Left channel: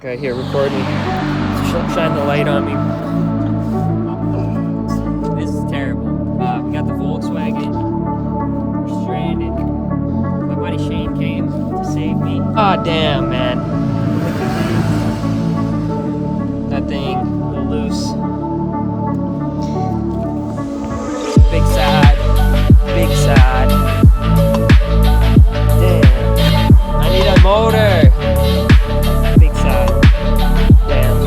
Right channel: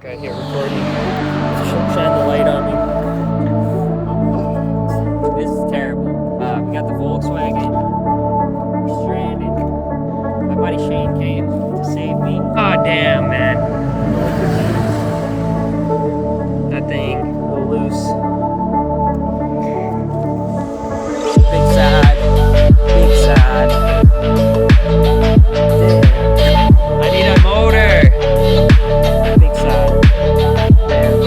Okay, here, record me. Shine the light on me. This is terrible. We got the Volkswagen. We're stranded. My buddy Shane came to save me. Oh, damn, man. That thing a little loose. Big sad. Big sad. Damn. I need a motor. Big sad. Damn.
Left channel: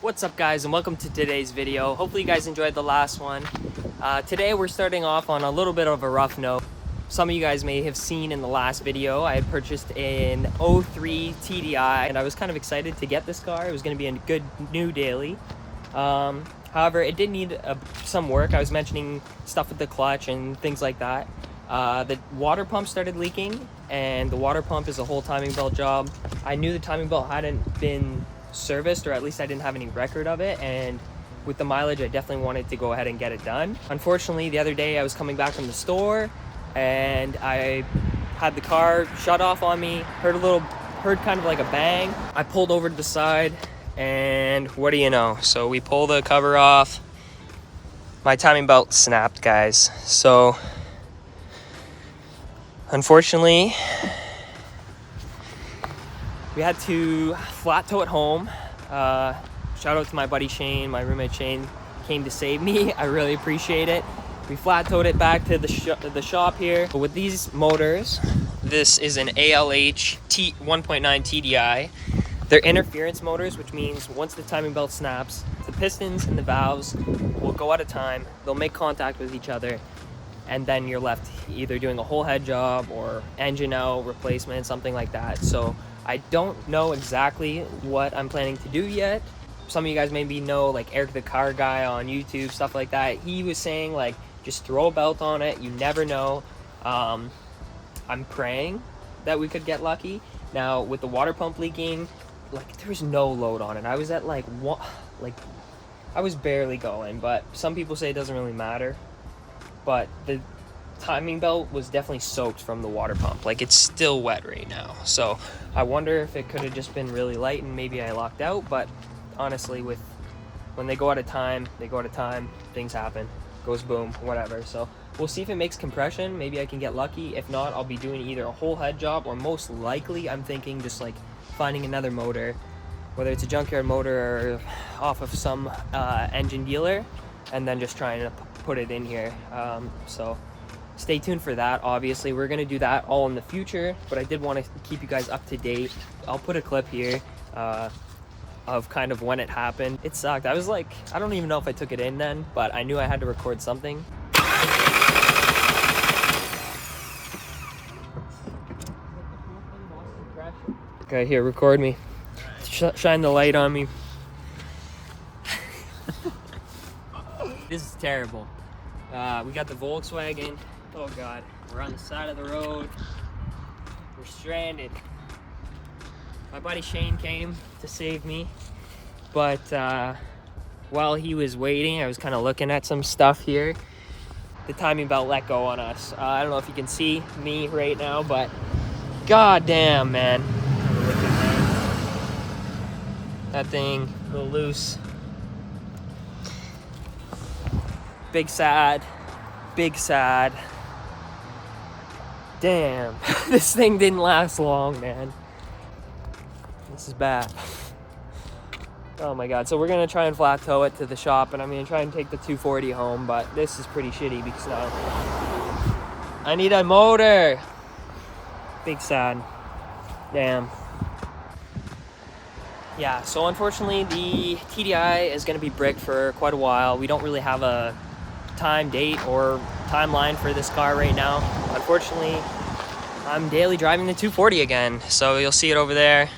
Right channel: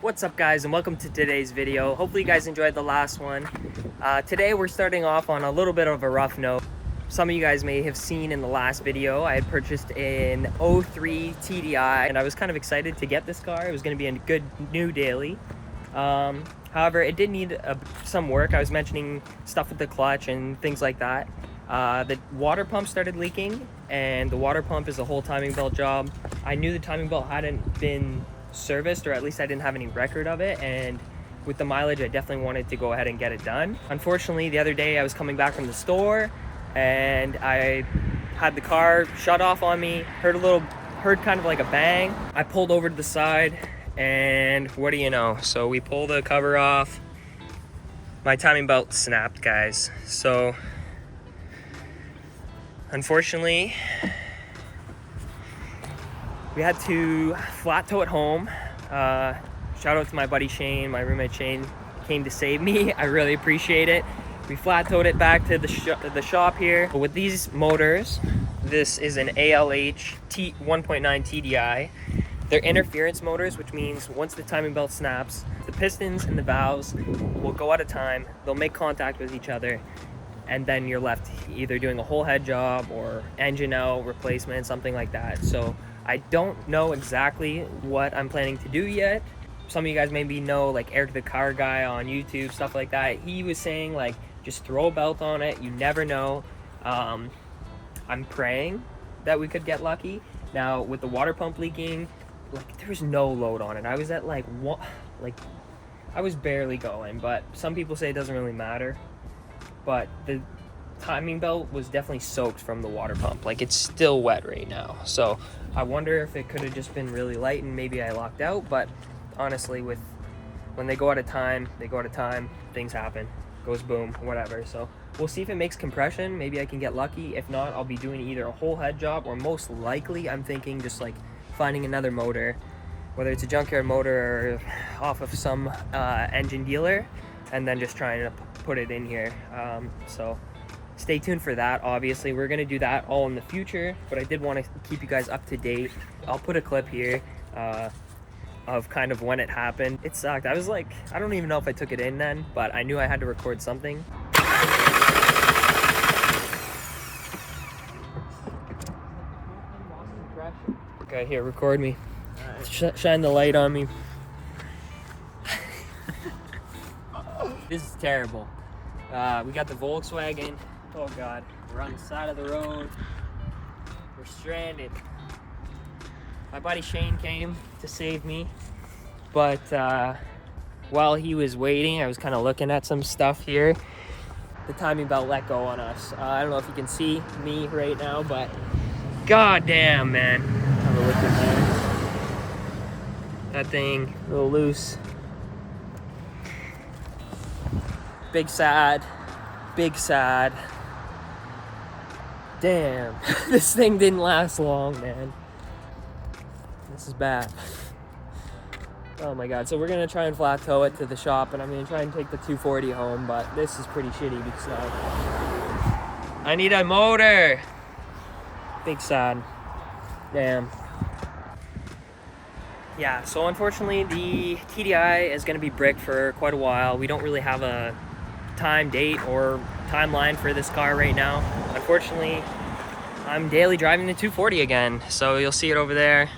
What's up, guys, and welcome to today's video. Hopefully you guys enjoyed the last one. Today we're starting off on a little bit of a rough note. Some of you guys may have seen in the last video I had purchased an 03 TDI and I was kind of excited to get this car. It was going to be a good new daily. However, it did need some work. I was mentioning stuff with the clutch and things like that. The water pump started leaking, and the water pump is a whole timing belt job. I knew the timing belt hadn't been serviced, or at least I didn't have any record of it, and with the mileage I definitely wanted to go ahead and get it done. Unfortunately, the other day I was coming back from the store and I had the car shut off on me, heard kind of like a bang. I pulled over to the side and what do you know, so we pull the cover off, my timing belt snapped, guys. So unfortunately we had to flat tow it home. Shout out to my buddy Shane, my roommate Shane came to save me. I really appreciate it. We flat towed it back to the shop here. But with these motors, this is an ALH 1.9 TDI. They're interference motors, which means once the timing belt snaps, the pistons and the valves will go out of time. They'll make contact with each other, and then you're left either doing a whole head job or engine out replacement, something like that. So I don't know exactly what I'm planning to do yet. Some of you guys maybe know, like Eric the Car Guy on YouTube, stuff like that. He was saying, like, just throw a belt on it. You never know. I'm praying that we could get lucky. Now, with the water pump leaking, like, there was no load on it. I was at, like, I was barely going. But some people say it doesn't really matter. But the timing belt was definitely soaked from the water pump. Like, it's still wet right now. So I wonder if it could have just been really light and maybe I locked out. But honestly, when they go out of time, they go out of time. Things happen. Goes boom, whatever. So we'll see if it makes compression. Maybe I can get lucky. If not, I'll be doing either a whole head job, or most likely I'm thinking just like finding another motor, whether it's a junkyard motor or off of some engine dealer, and then just trying to put it in here. So stay tuned for that. Obviously, we're going to do that all in the future, but I did want to keep you guys up to date. I'll put a clip here of kind of when it happened. It sucked. I was like, I don't even know if I took it in then, but I knew I had to record something. Okay, here, record me. Shine the light on me. This is terrible. We got the Volkswagen. Oh God, we're on the side of the road. We're stranded. My buddy Shane came to save me, but while he was waiting, I was kind of looking at some stuff here. The timing belt let go on us. I don't know if you can see me right now, but God damn, man. Have a look at that thing, a little loose. Big sad. Big sad. Damn. This thing didn't last long, man. This is bad. Oh my God. So we're gonna try and flat tow it to the shop, and I'm gonna try and take the 240 home, but this is pretty shitty because now I need a motor. Big sad. Damn. Yeah, so unfortunately the TDI is gonna be bricked for quite a while. We don't really have a time, date, or timeline for this car right now. Unfortunately, I'm daily driving the 240 again, so you'll see it over there.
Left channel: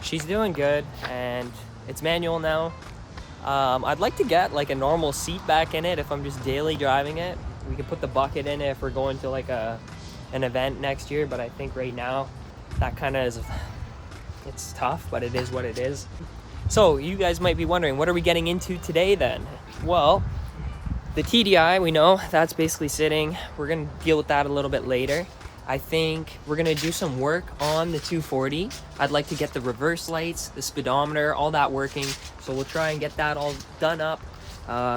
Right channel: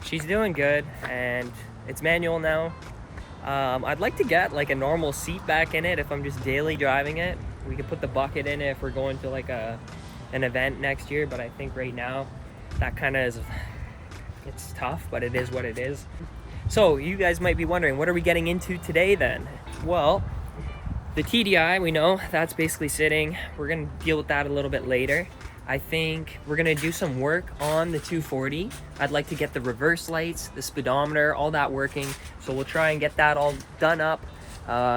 She's doing good, and it's manual now. I'd like to get like a normal seat back in it if I'm just daily driving it. We could put the bucket in it if we're going to like an event next year, but I think right now that kind of is, it's tough, but it is what it is. So you guys might be wondering, what are we getting into today then? Well, the TDI, we know that's basically sitting. We're gonna deal with that a little bit later. I think we're gonna do some work on the 240. I'd like to get the reverse lights, the speedometer, all that working. So we'll try and get that all done up.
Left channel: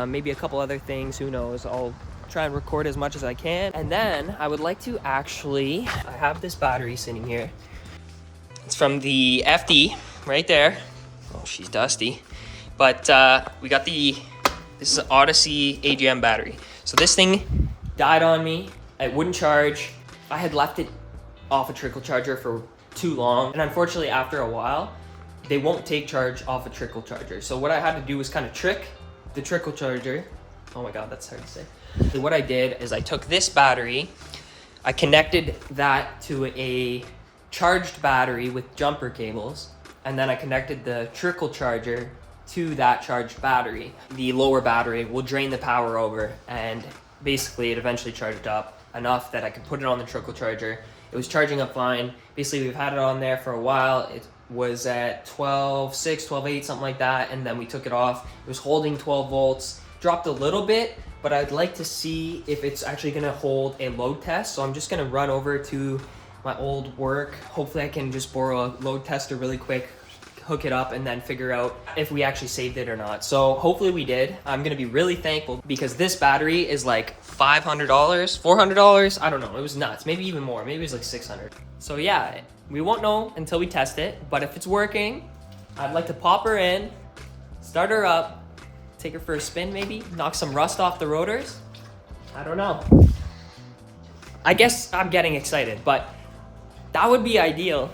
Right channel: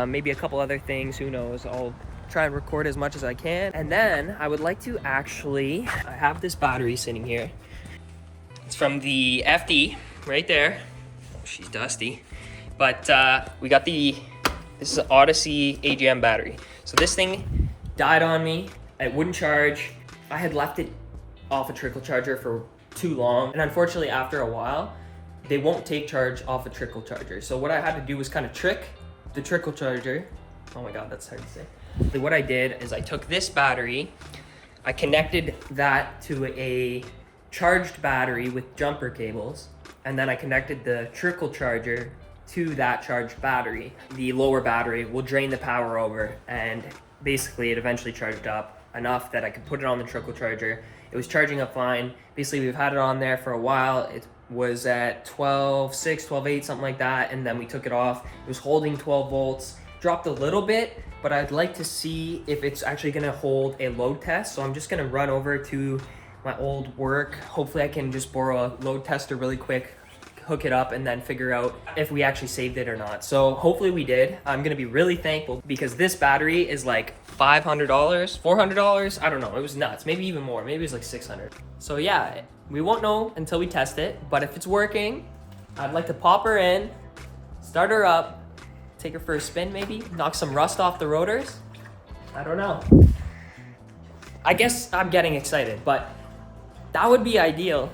Maybe a couple other things, who knows. I'll try and record as much as I can. And then I would like to actually, I have this battery sitting here. It's from the FD right there. Oh, she's dusty. But we got this is an Odyssey AGM battery. So this thing died on me. It wouldn't charge. I had left it off a trickle charger for too long. And unfortunately, after a while, they won't take charge off a trickle charger. So what I had to do was kind of trick the trickle charger. Oh my God, that's hard to say. So what I did is I took this battery, I connected that to a charged battery with jumper cables, and then I connected the trickle charger to that charged battery. The lower battery will drain the power over, and basically it eventually charged up enough that I could put it on the trickle charger. It was charging up fine. Basically, we've had it on there for a while. It was at 12.6, 12.8, something like that, and then we took it off. It was holding 12 volts, dropped a little bit, but I'd like to see if it's actually gonna hold a load test. So I'm just gonna run over to my old work. Hopefully I can just borrow a load tester really quick, hook it up, and then figure out if we actually saved it or not. So hopefully we did. I'm gonna be really thankful because this battery is like $500, $400. I don't know, it was nuts. Maybe even more, maybe it was like 600. So yeah, we won't know until we test it, but if it's working, I'd like to pop her in, start her up, take her for a spin maybe, knock some rust off the rotors. I don't know. I guess I'm getting excited, but that would be ideal.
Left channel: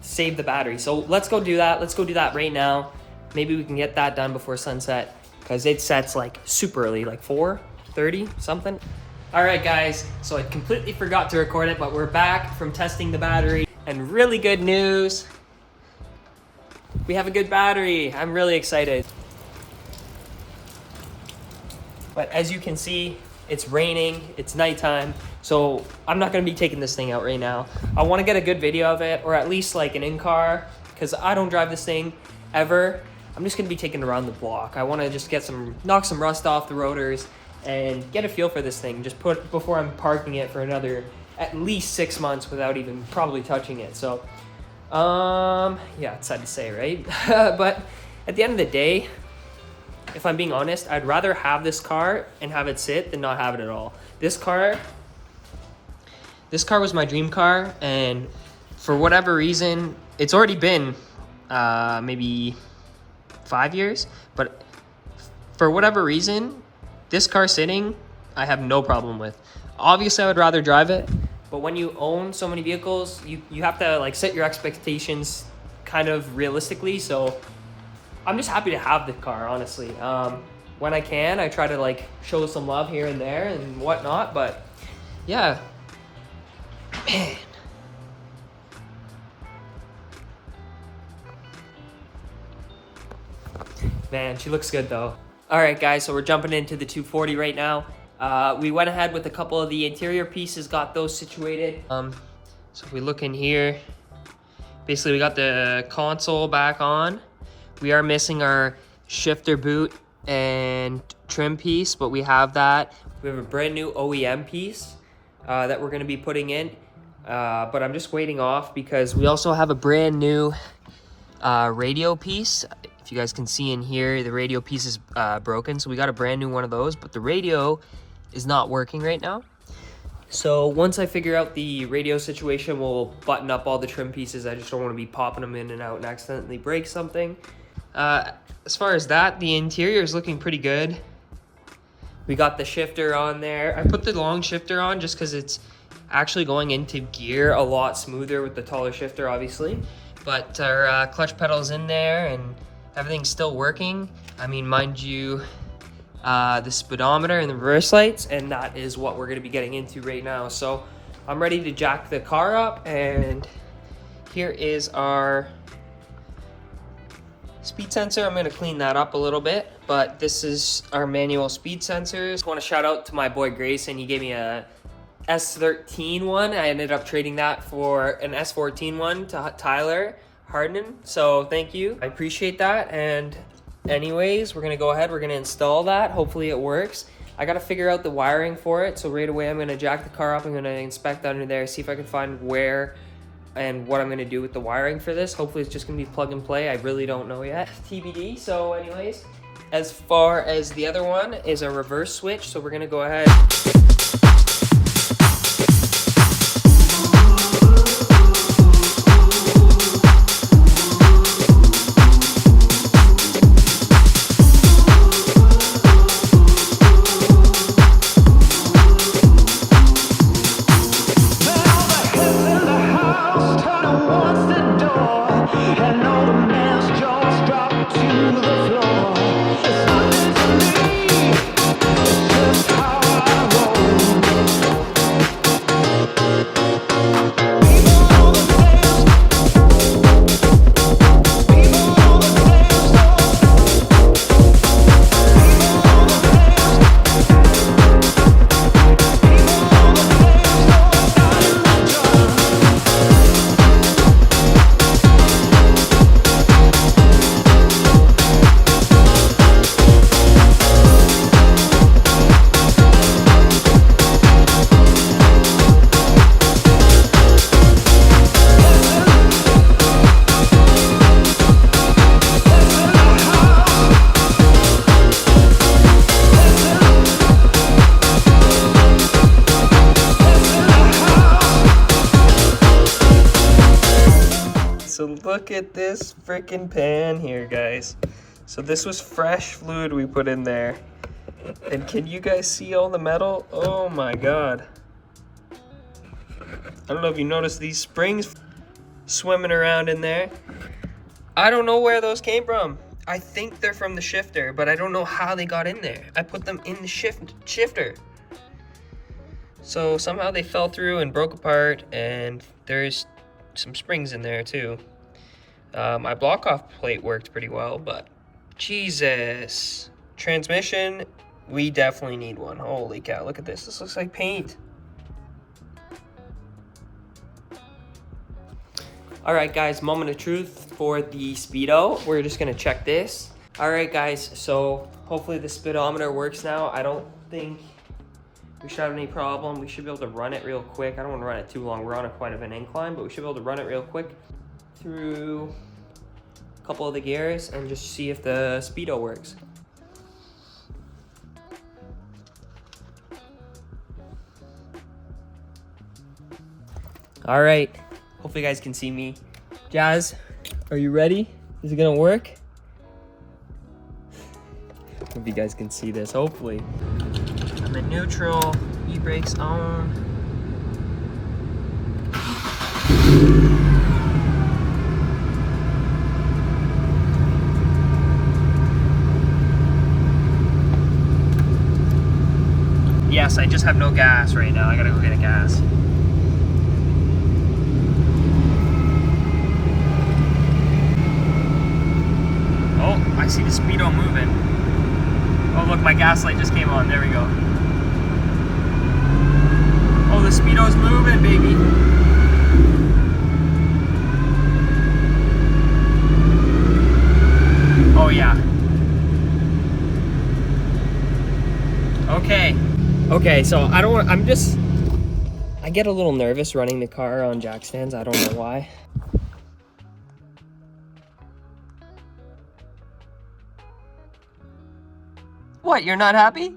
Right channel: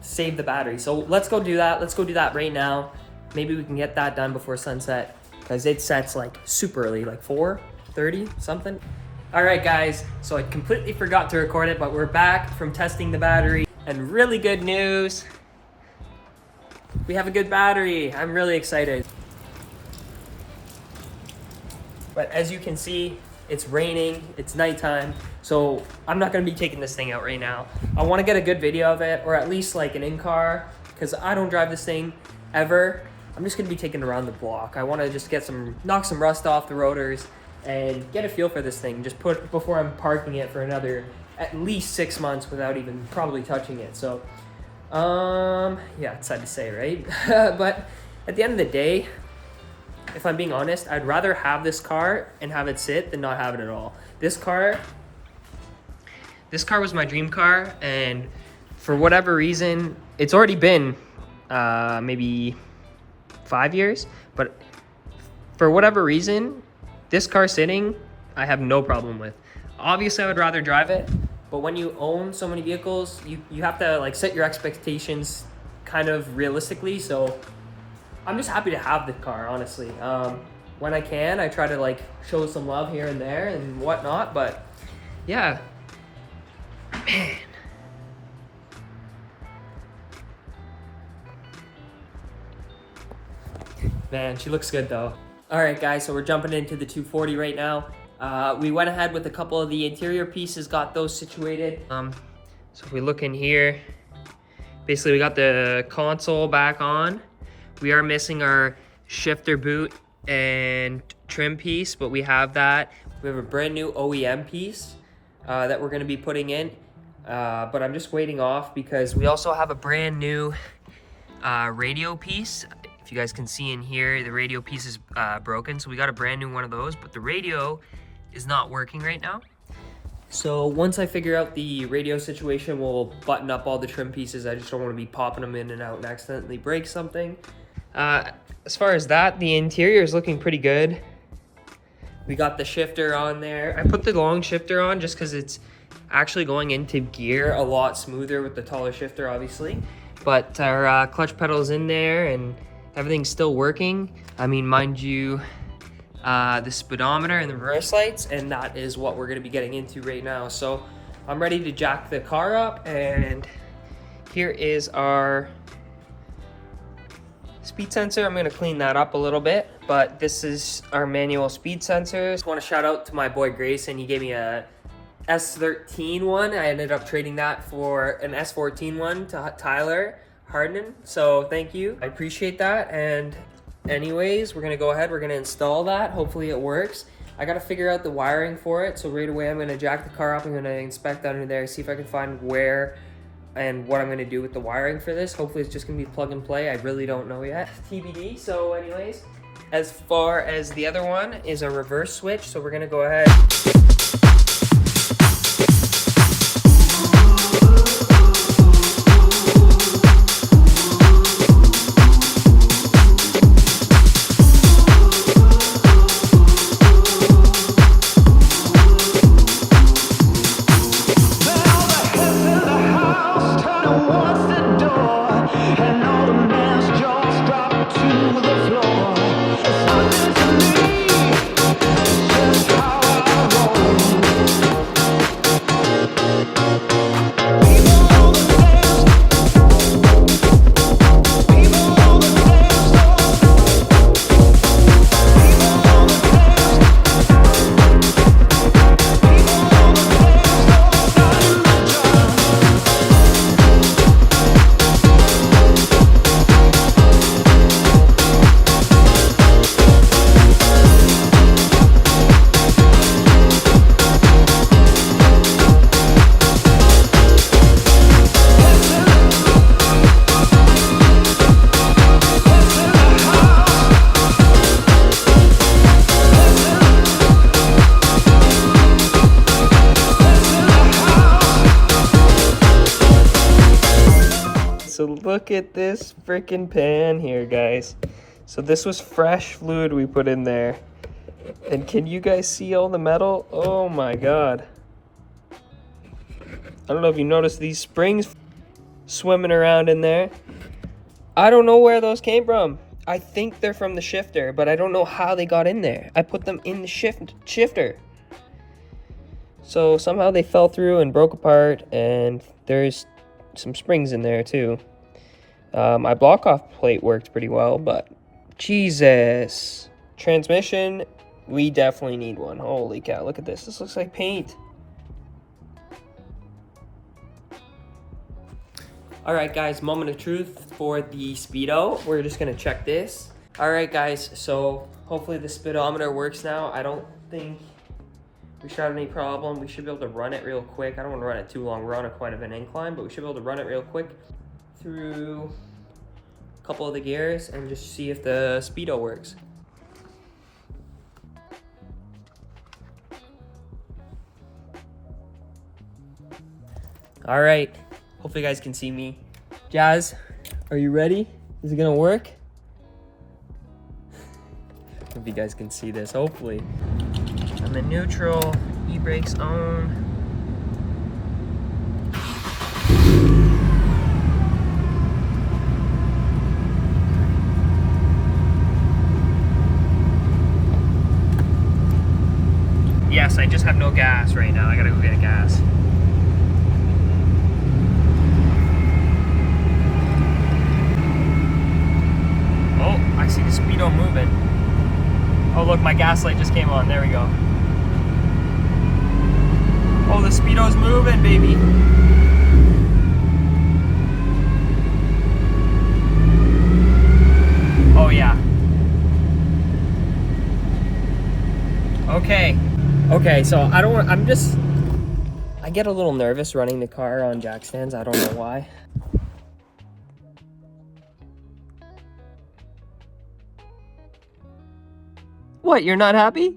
Save the battery. So let's go do that. Let's go do that right now. Maybe we can get that done before sunset because it sets like super early, like 4:30 something. All right, guys. So I completely forgot to record it, but we're back from testing the battery, and really good news. We have a good battery. I'm really excited. But as you can see, it's raining, it's nighttime, so I'm not gonna be taking this thing out right now. I wanna get a good video of it, or at least like an in-car, because I don't drive this thing ever. I'm just gonna be taking it around the block. I wanna just knock some rust off the rotors and get a feel for this thing, just before I'm parking it for another at least 6 months without even probably touching it. So, yeah, it's sad to say, right? But at the end of the day, if I'm being honest, I'd rather have this car and have it sit than not have it at all. This car was my dream car, and for whatever reason, it's already been maybe 5 years, but for whatever reason, this car sitting, I have no problem with. Obviously, I would rather drive it, but when you own so many vehicles, you have to like set your expectations kind of realistically, so I'm just happy to have the car, honestly. When I can, I try to like show some love here and there and whatnot, but yeah. Man, she looks good though. All right, guys, so we're jumping into the 240 right now. We went ahead with a couple of the interior pieces, got those situated. So if we look in here, basically we got the console back on. We are missing our shifter boot and trim piece, but we have that. We have a brand new OEM piece that we're gonna be putting in, but I'm just waiting off because we also have a brand new radio piece. If you guys can see in here, the radio piece is broken, so we got a brand new one of those, but the radio is not working right now. So once I figure out the radio situation, we'll button up all the trim pieces. I just don't want to be popping them in and out and accidentally break something. As far as that, the interior is looking pretty good. We got the shifter on there. I put the long shifter on just because it's actually going into gear a lot smoother with the taller shifter, obviously. But our clutch pedal's in there and everything's still working. I mean, mind you, the speedometer and the reverse lights, and that is what we're gonna be getting into right now. So I'm ready to jack the car up, and here is our speed sensor. I'm gonna clean that up a little bit, but this is our manual speed sensors. I want to shout out to my boy Grayson. He gave me a S13 one. I ended up trading that for an S14 one to Tyler Hardin. So thank you. I appreciate that. And anyways, we're gonna go ahead. We're gonna install that. Hopefully it works. I gotta figure out the wiring for it. So right away, I'm gonna jack the car up. I'm gonna inspect under there, see if I can find where and what I'm gonna do with the wiring for this. Hopefully it's just gonna be plug and play. I really don't know yet. TBD. So anyways, as far as the other one is a reverse switch. So we're gonna go ahead. So look at this freaking pan here, guys. So this was fresh fluid we put in there. And can you guys see all the metal? Oh my God. I don't know if you noticed these springs swimming around in there. I don't know where those came from. I think they're from the shifter, but I don't know how they got in there. I put them in the shifter. So somehow they fell through and broke apart, and there's some springs in there too. My block off plate worked pretty well, but Jesus. Transmission, we definitely need one. Holy cow, look at this. This looks like paint. All right, guys, moment of truth for the speedo. We're just gonna check this. All right, guys, so hopefully the speedometer works now. I don't think we should have any problem. We should be able to run it real quick. I don't want to run it too long. We're on quite of an incline, but we should be able to run it real quick through a couple of the gears and just see if the speedo works. All right, hopefully you guys can see me. Jazz, are you ready? Is it gonna work? Hope you guys can see this, hopefully. I'm in neutral, e-brakes on. Yes, I just have no gas right now. I gotta go get a gas. Oh, I see the speedo moving. Oh look, my gas light just came on. There we go. Oh, the speedo's moving, baby. Oh yeah. Okay. Okay, so I get a little nervous running the car on jack stands. I don't know why. What, you're not happy?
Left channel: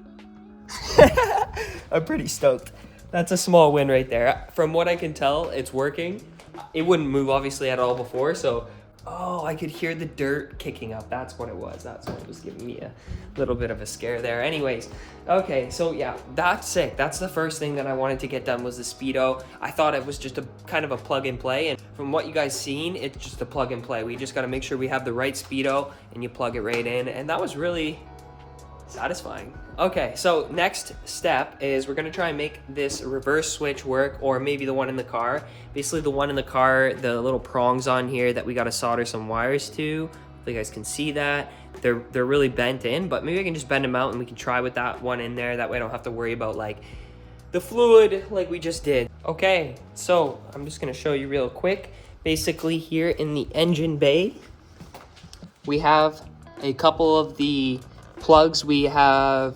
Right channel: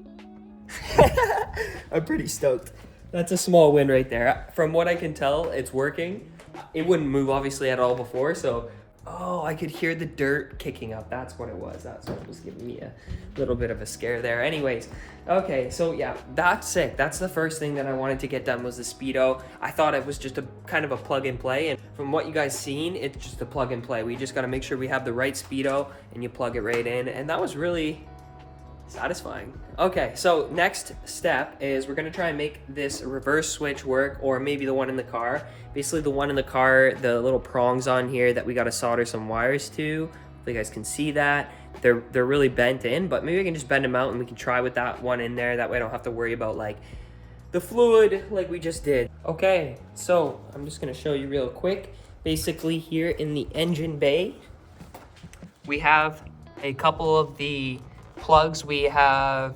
I'm pretty stoked. That's a small win right there. From what I can tell, it's working. It wouldn't move obviously at all before, so oh, I could hear the dirt kicking up. That's what it was. That's what was giving me a little bit of a scare there. Anyways, okay, so yeah, that's sick. That's the first thing that I wanted to get done was the speedo. I thought it was just a kind of a plug and play, and from what you guys seen, it's just a plug and play. We just got to make sure we have the right speedo and you plug it right in, and that was really satisfying. Okay, so next step is we're gonna try and make this reverse switch work, or maybe the one in the car. Basically the one in the car, the little prongs on here that we gotta solder some wires to, Hopefully you guys can see that. They're really bent in, but maybe I can just bend them out and we can try with that one in there. That way I don't have to worry about like the fluid like we just did. Okay, so I'm just gonna show you real quick. Basically here in the engine bay, we have a couple of the plugs we have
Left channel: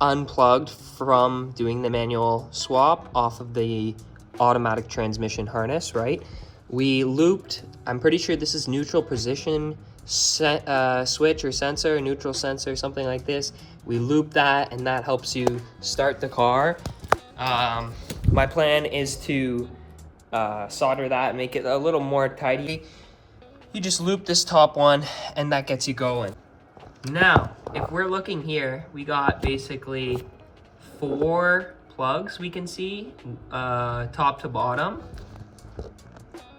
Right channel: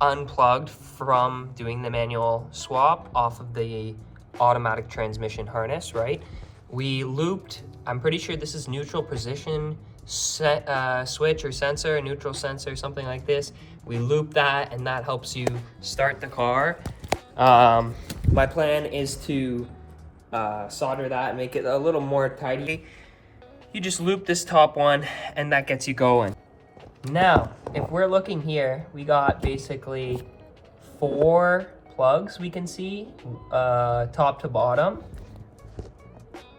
unplugged from doing the manual swap off of the automatic transmission harness, right? We looped, I'm pretty sure this is neutral position switch or sensor, neutral sensor, something like this. We loop that and that helps you start the car. My plan is to solder that, make it a little more tidy. You just loop this top one and that gets you going. Now, if we're looking here, we got basically 4 plugs we can see, top to bottom.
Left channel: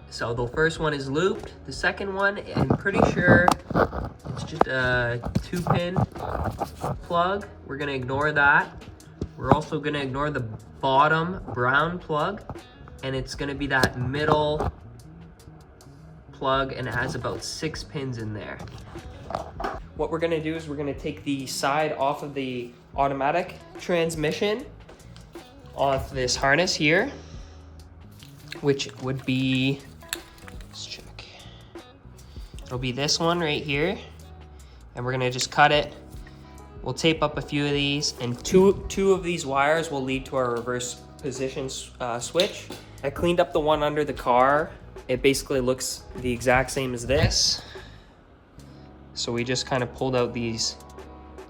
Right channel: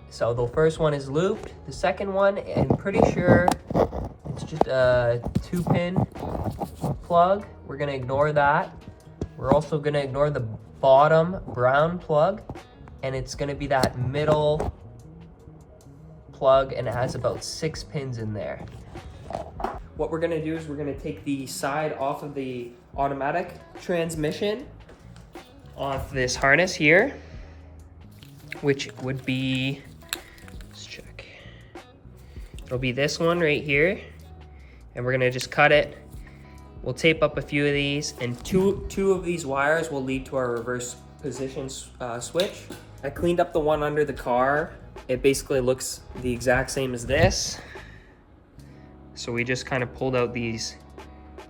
So the first one is looped. The second one, I'm pretty sure it's just a 2-pin plug. We're gonna ignore that. We're also gonna ignore the bottom brown plug, and it's gonna be that middle plug, and it has about 6 pins in there. What we're gonna do is we're gonna take the side off of the automatic transmission off this harness here, which would be, let's check. It'll be this one right here, and we're gonna just cut it. We'll tape up a few of these, and two of these wires will lead to our reverse position switch. I cleaned up the one under the car. It basically looks the exact same as this. So we just kind of pulled out these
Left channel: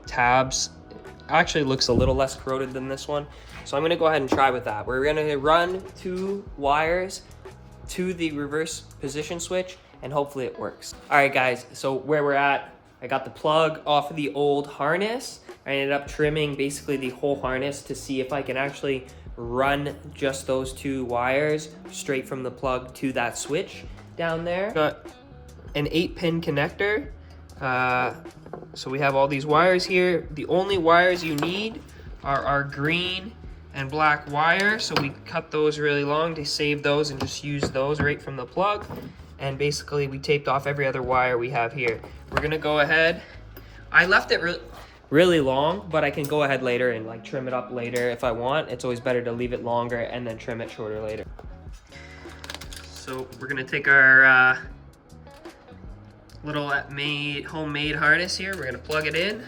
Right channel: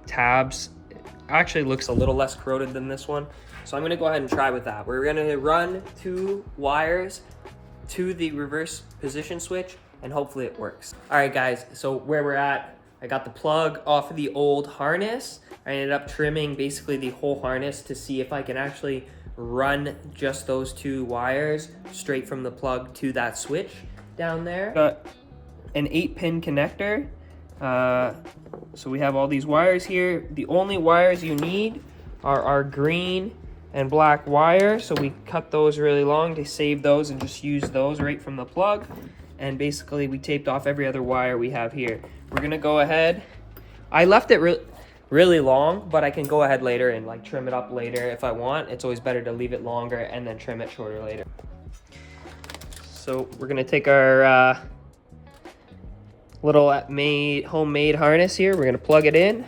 tabs. It actually looks a little less corroded than this one. So I'm gonna go ahead and try with that. We're gonna run 2 wires to the reverse position switch and hopefully it works. All right guys, so where we're at, I got the plug off of the old harness. I ended up trimming basically the whole harness to see if I can actually run just those 2 wires straight from the plug to that switch down there. Got an 8-pin connector. So we have all these wires here. The only wires you need are our green and black wire. So we cut those really long to save those and just use those right from the plug. And basically we taped off every other wire we have here. We're gonna go ahead. I left it really long, but I can go ahead later and like trim it up later if I want. It's always better to leave it longer and then trim it shorter later. So we're gonna take our little homemade harness here. We're gonna plug it in.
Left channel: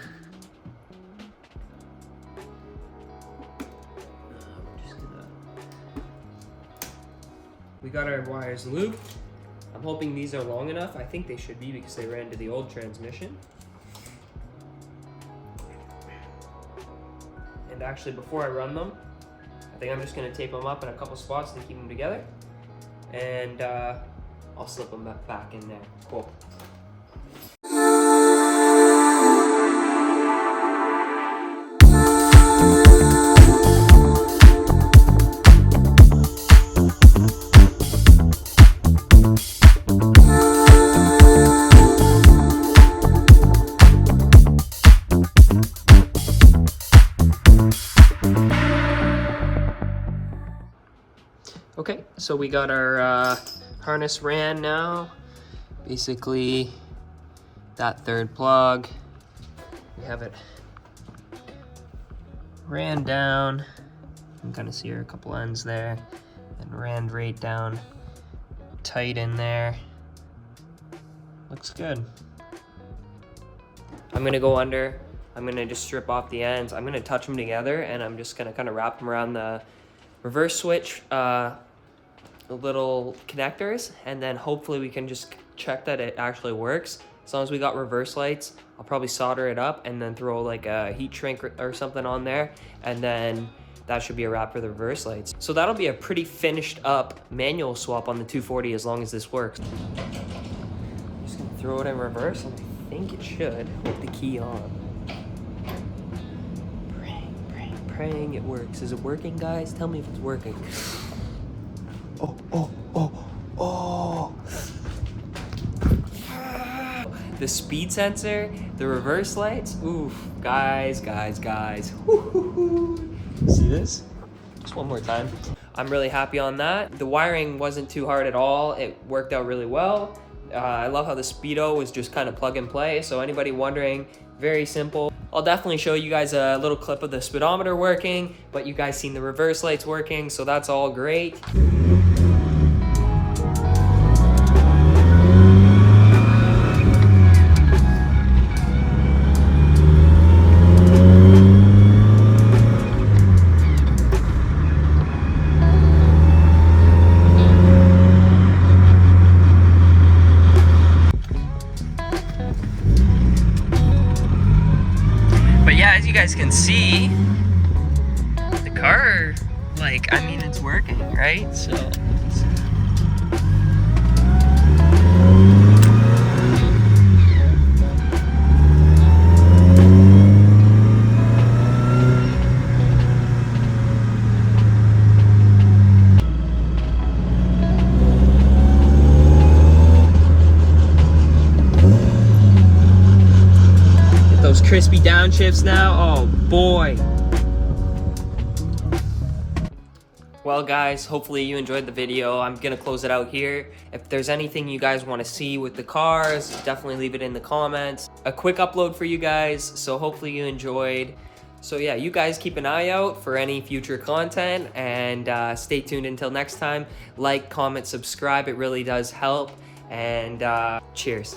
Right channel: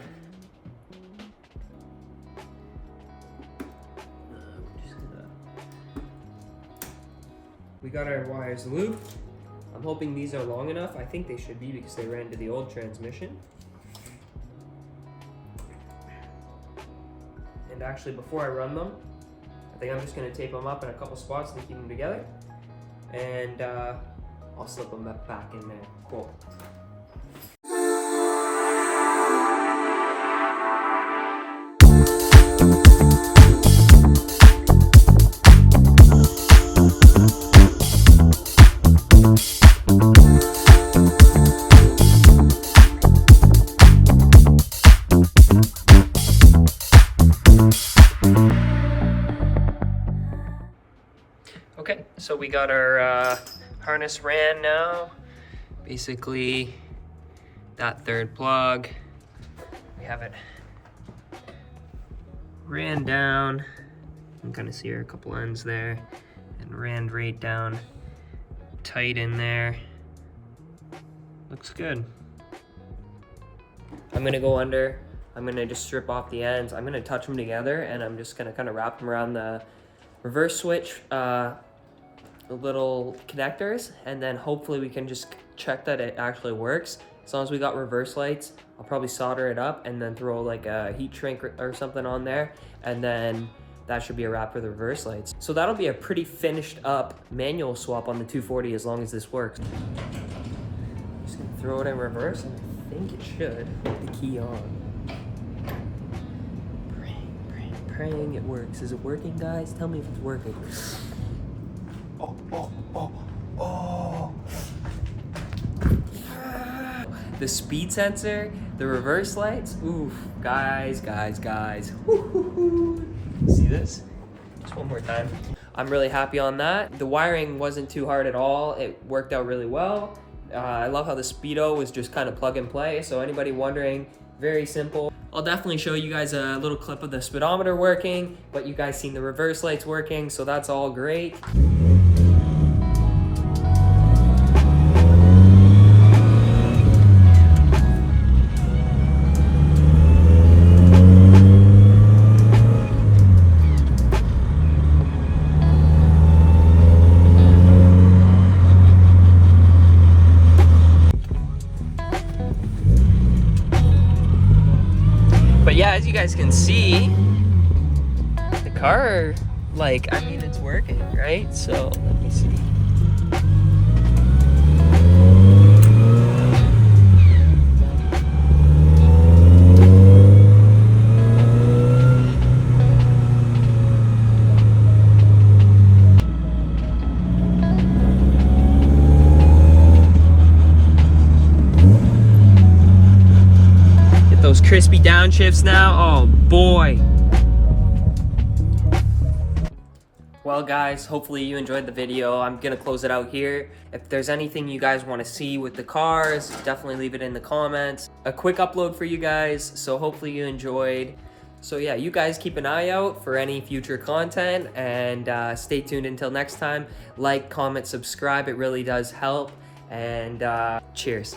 We got our wires looped. I'm hoping these are long enough. I think they should be because they ran to the old transmission. And actually, before I run them, I think I'm just gonna tape them up in a couple spots to keep them together. And I'll slip them back in there. Cool. Okay, so we got our harness ran now. Basically, that 3rd plug, we have it ran down. You can kind of see a couple ends there, and ran right down tight in there. Looks good. I'm gonna go under. I'm gonna just strip off the ends. I'm gonna touch them together, and I'm just gonna kind of wrap them around the reverse switch little connectors, and then hopefully we can just check that it actually works. As long as we got reverse lights, I'll probably solder it up and then throw like a heat shrink or something on there, and then that should be a wrap for the reverse lights. So that'll be a pretty finished up manual swap on the 240 as long as this works. Just gonna throw it in reverse, and I think it should with the key on. Praying it works. Is it working, guys? Tell me if it's working. Oh. The speed sensor, the reverse lights. Oof, guys. Woo-hoo-hoo. See this? Just one more time. I'm really happy on that. The wiring wasn't too hard at all. It worked out really well. I love how the speedo is just kind of plug and play. So anybody wondering, very simple. I'll definitely show you guys a little clip of the speedometer working, but you guys seen the reverse lights working, so that's all great. But yeah, as you guys can see, the car, like, I mean, it's working, right? So, let me see. Crispy downshifts now. Oh boy. Well guys, hopefully you enjoyed the video. I'm gonna close it out here. If there's anything you guys want to see with the cars, definitely leave it in the comments. A quick upload for you guys, so hopefully you enjoyed. So yeah, you guys keep an eye out for any future content, and stay tuned until next time. Like, comment, subscribe, it really does help. And cheers.